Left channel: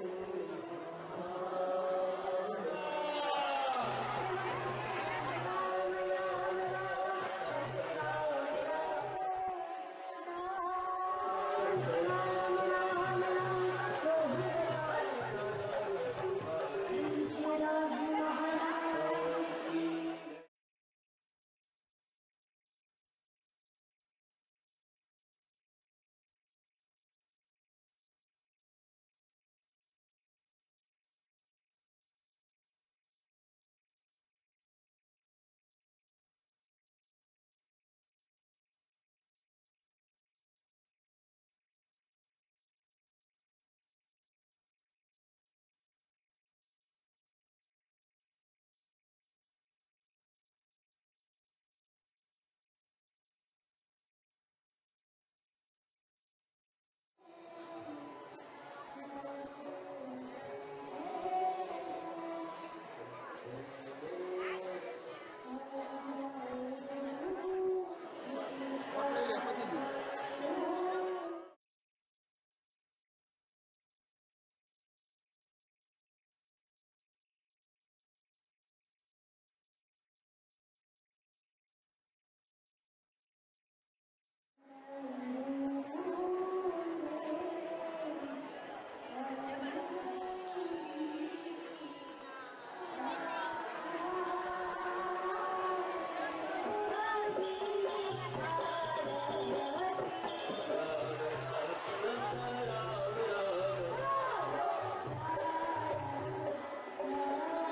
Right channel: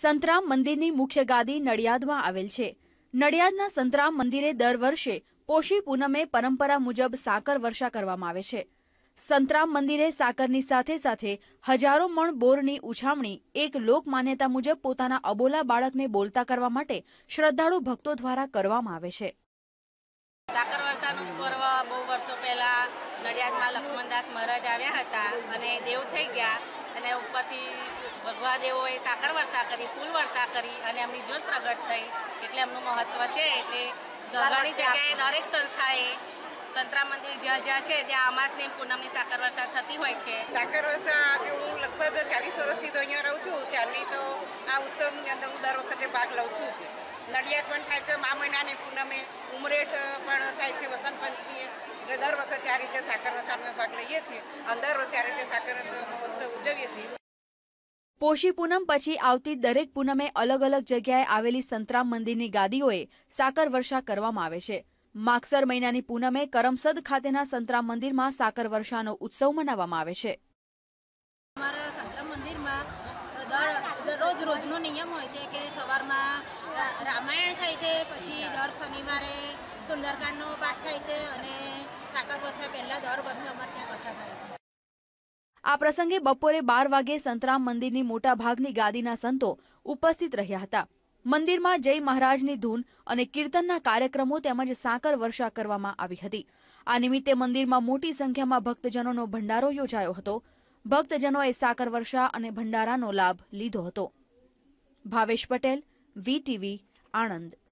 સંતરામ મંદિરની મુખ્ય ગાદી નડિયાદમાં આવેલ છે. નડિયાદના સંતરામ મંદિરે દર વર્ષે પોષી પૂનમે પરંપરા મુજબ સાકર વર્ષા કરવામાં આવે છે. સંતરામ મંદિરે સાકરની સાથે સાથે હજારો મણ બોરની ઉછામણી એક લોક માન્યતા મુજબ પોતાના અબોલા બાળકને બોલતા કરવા માટે શ્રદ્ધાળુ ભક્તો દ્વારા કરવામાં આવે છે. સાકર વર્ષાનું પર્વ બહુ વર્ષો પહેલા નડિયાદમાં લક્ષ્મણદાસ મહારાજ આવ્યા હતા અને દેવ થઈ ગયા. અને ઉપરથી ભગવા દેવોએ સાકર વર્ષા કરી ફૂલ વર્ષા કરી અને એમની જ્યોત પ્રગટ થઈ. એટલે એમનું મહત્ત્વ છે એટલે ઘણી જગ્યાએ દરેક સંસ્થાએ સંતરા મંદિર જ્યાં જ્યાં છે ત્યાં અમાસની પૂનમની સાકર વર્ષા થતી હોય છે. સાકર વર્ષાથી હું લગભગ ચાલીસ વર્ષથી તો અહીંયા રહું છું. ત્યારની તો આ ઉત્સવની અંદર હું દર વખતે ભાગ લઉં છું નડિયાદ પણ થાય છે મા મહિનાની પૂનમે ઉમરેઠ પણ થાય છે આ રીતે સાકર વર્ષામાં ભાગ લઈએ છીએ. અને દર વર્ષે આ રીતે સાકર મહોત્સવ ઉજવીએ છીએ. પોષી પૂનમ પછી આવતી દરેક પૂનમે અલગ અલગ જગ્યાએ આવેલી સંતરામ મંદિરની ગાદીઓએ સાકર વર્ષા કરવામાં આવે છે. માગસર મહિનાની પૂનમે કરમસદ ખાતેના સંતરામ મંદિરમાં સાકર વર્ષાનો ઉત્સવ મનાવવામાં આવે છે. અમારા સંતરામ મંદિરમાં દર દરરોજ રોજનો નિયમ હોય છે કે સવારમાં રામાયણ થાય છે પછી દર શનિવારે સુંદરકાંડનો પાઠ થાય છે અને આ પ્રસંગે બપોરે બાર વાગે સંતરામ મંદિરની મોટા ભાગની ગાદીના સંતો ઉપસ્થિત રહ્યા હતા. મંદિરમાં જય મહારાજની ધૂન અને કીર્તનના કાર્યક્રમો તેમજ સાકર વર્ષા કરવામાં આવી હતી. આ નિમિત્તે મંદિરમાં મોટી સંખ્યામાં ભક્તજનોનો ભંડારો યોજાયો હતો. ભક્તજનોએ સાકર વર્ષા અને ભંડારાનો લાભ લીધો હતો. ભાવેશ પટેલ વીટીવી આણંદ.